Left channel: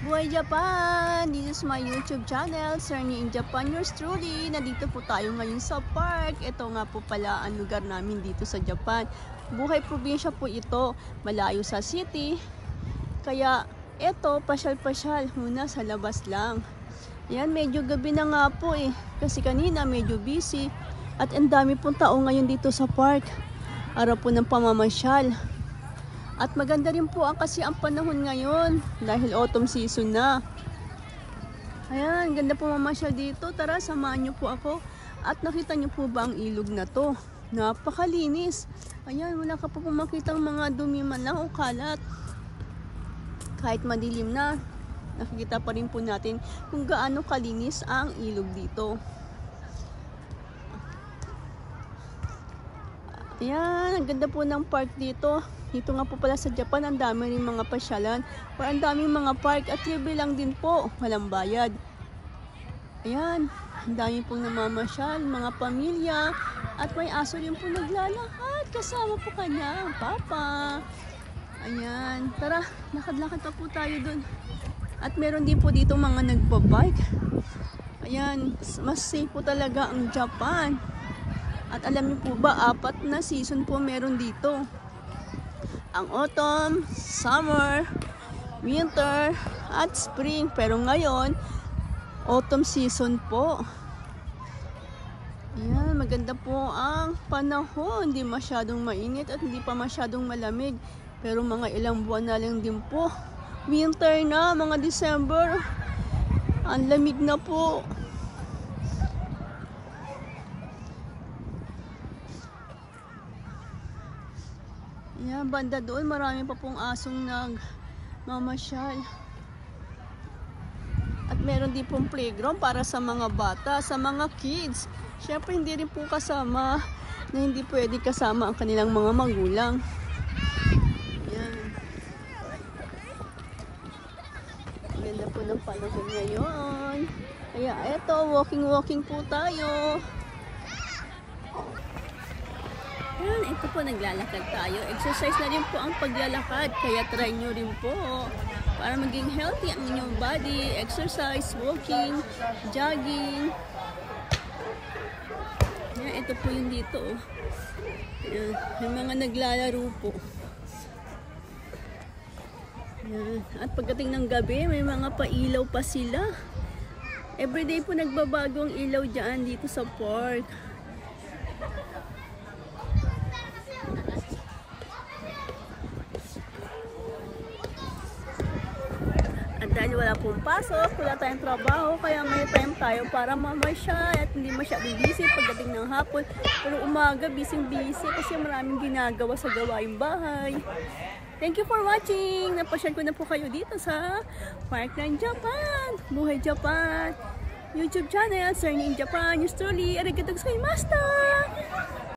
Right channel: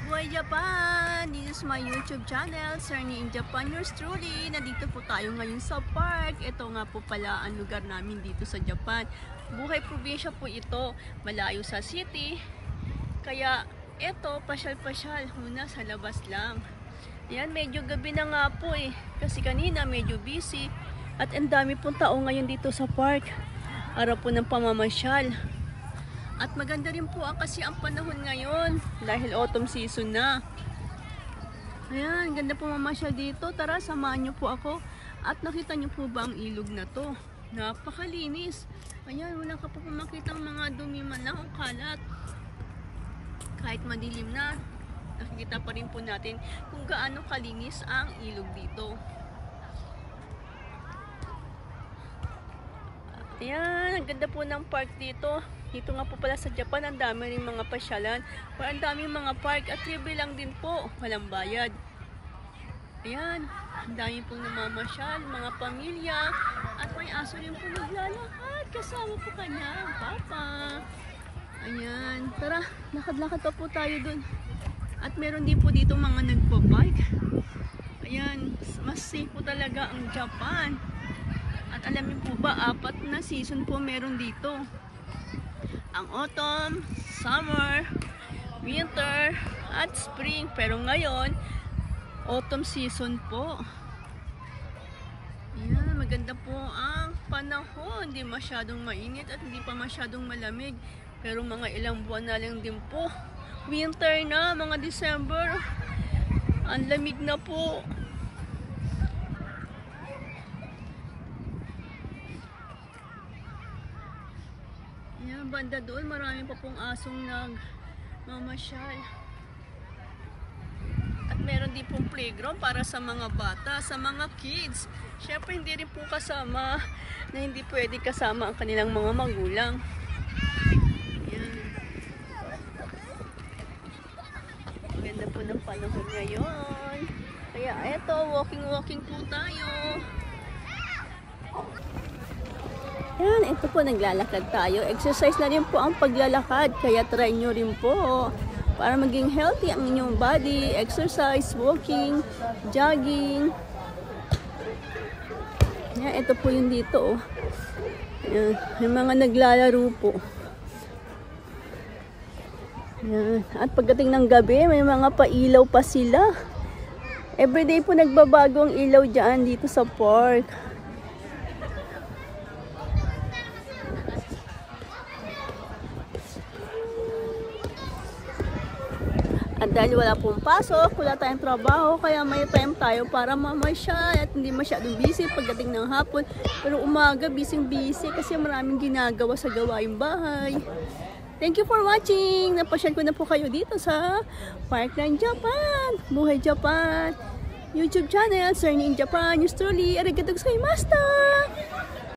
Buhay Japan! This is my YouTube channel, Surney in Japan, yours truly. Nandito po tayo ngayon sa park. Ito nga po pala ang lugar namin dito sa Japan. Buhay probinsya po ito, malayo sa city. Kaya ito, pasyal-pasyal muna sa labas lang. Yan, medyo gabi na nga po eh. Kasi kanina medyo busy. At ang dami pong tao ngayon dito sa park. Araw po ng pamamasyal. At maganda rin po kasi ang panahon ngayon dahil autumn season na. Ayan, ganda po mamasyal dito. Tara, samahan niyo po ako. At nakita niyo po ba ang ilog na to? Napakalinis. Ayan, wala ka pa po makitang mga dumi man lang o kalat. Kahit madilim na, nakikita pa rin po natin kung gaano kalinis ang ilog dito. Ayan, ang ganda po ng park dito. Dito nga po pala sa Japan, ang dami rin mga pasyalan. Or ang daming mga park at libre lang din po. Walang bayad. Ayan, ang dami pong namamasyal, mga pamilya. At may aso rin po naglalakad. Kasama po kanya, ang papa. Ayan, tara, lakad-lakad pa po tayo dun. At meron din po dito mga nagbabike. Ayan, mas safe po talaga ang Japan. At alam niyo po ba, 4 na season po meron dito. Ang autumn, summer, winter, at spring. Pero ngayon, autumn season po. Ayan, maganda po ang panahon. Hindi masyadong mainit at hindi pa masyadong malamig. Pero mga ilang buwan na lang din po. Winter na, mga December. Ang lamig na po. Yan, banda doon, marami pa pong asong nagmamasyal. At meron din pong playground para sa mga bata, sa mga kids. Syempre hindi rin po kasama na hindi pwede kasama ang kanilang mga magulang. Yan. Ganda po ng panahon ngayon. Kaya eto, walking po tayo. Yan, ito po, naglalakad tayo. Exercise na rin po ang paglalakad. Kaya try nyo rin po. Para maging healthy ang inyong body. Exercise, walking, jogging. Yan, ito po yung dito. Yan, yung mga naglalaro po. Yan. At pagdating ng gabi, may mga pailaw pa sila. Everyday po nagbabago ang ilaw dyan dito sa park. At dahil wala pong pasok, wala tayong trabaho, kaya may time tayo para mamasyal at hindi masyadong busy pagdating ng hapon. Pero umaga, busy kasi maraming ginagawa sa gawaing bahay. Thank you for watching! Napasyal ko na po kayo dito sa Park ng Japan. Buhay Japan! YouTube channel, Surney in Japan, yours truly, arigatou gozaimashita!